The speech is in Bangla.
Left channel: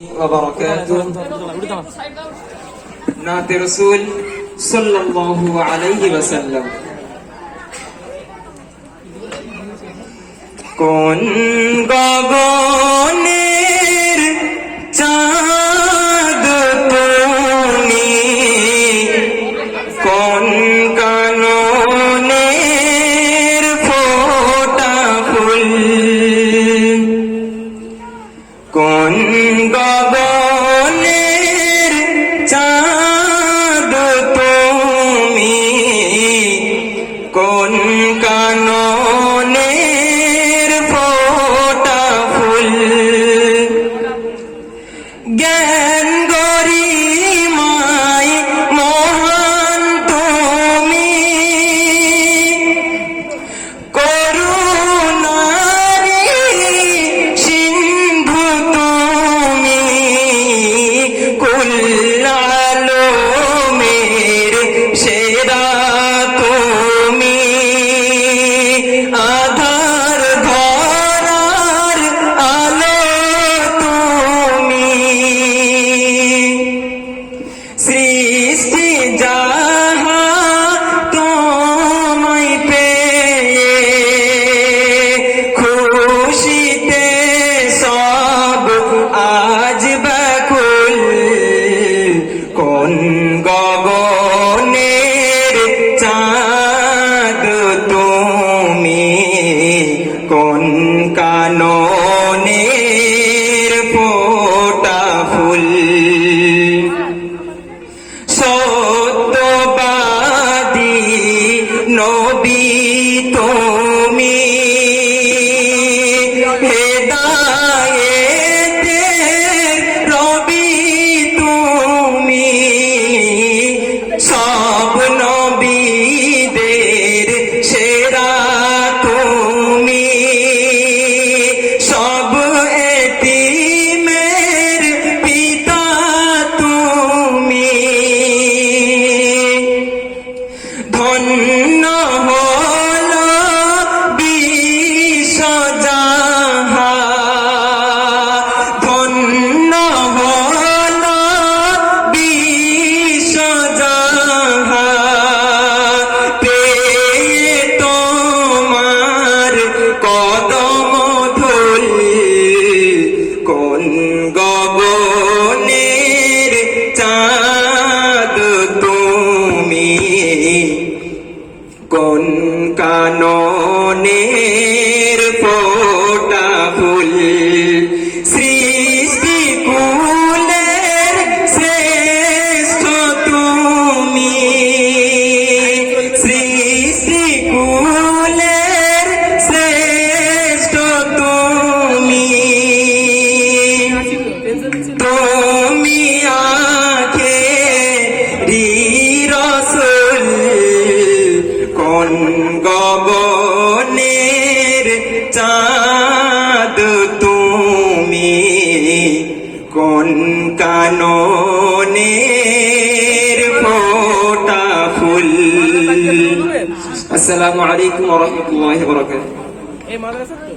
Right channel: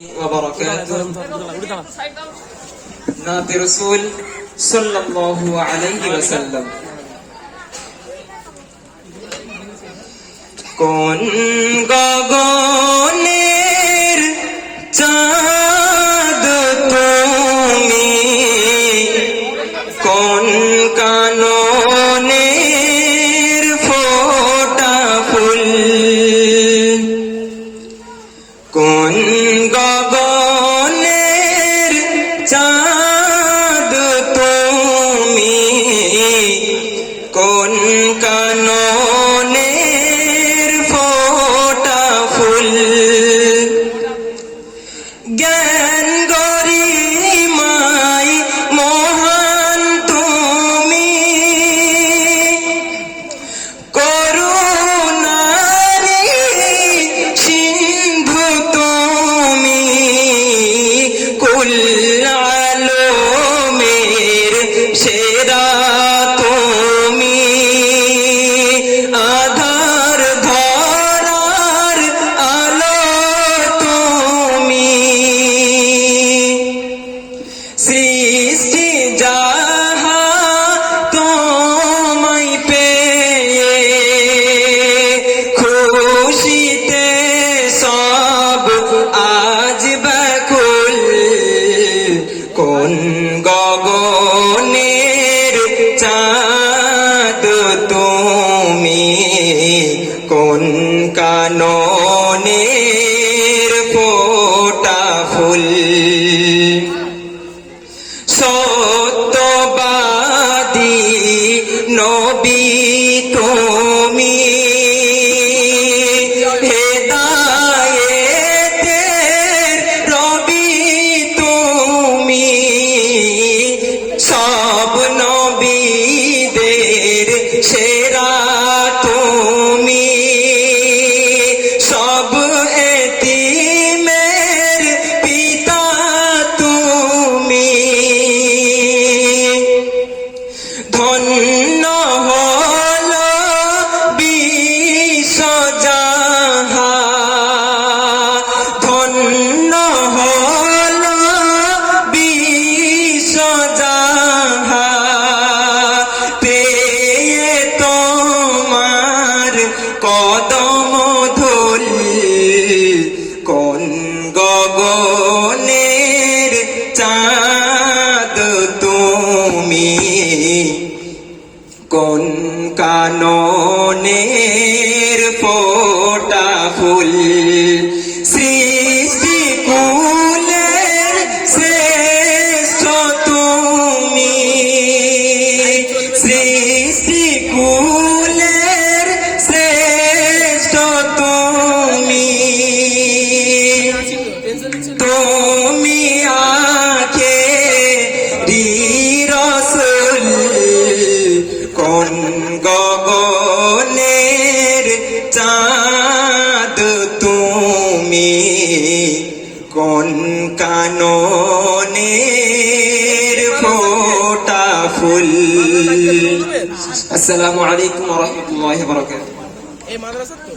وبركاته নাতে রসুল সাল্লাল্লাহু আলাইহি ওয়াসাল্লাম কোন গগনের কোন গগনের নবী তুমি রবি তুমি সব নবীদের চাঁদ তুমি কোন কাননের ফোটা ফুল? সৃষ্টি কুলের শ্রেষ্ঠ তুমি। সৃষ্টি কুলের শ্রেষ্ঠ তুমি। তুমি গগনের চাঁদ তুমি কোন কাননের ফোটা ফুল? আসসালামু আলাইকুম ওয়া রাহমাতুল্লাহি ওয়া বারাকাতুহু। এই মাদ্রাসা তো?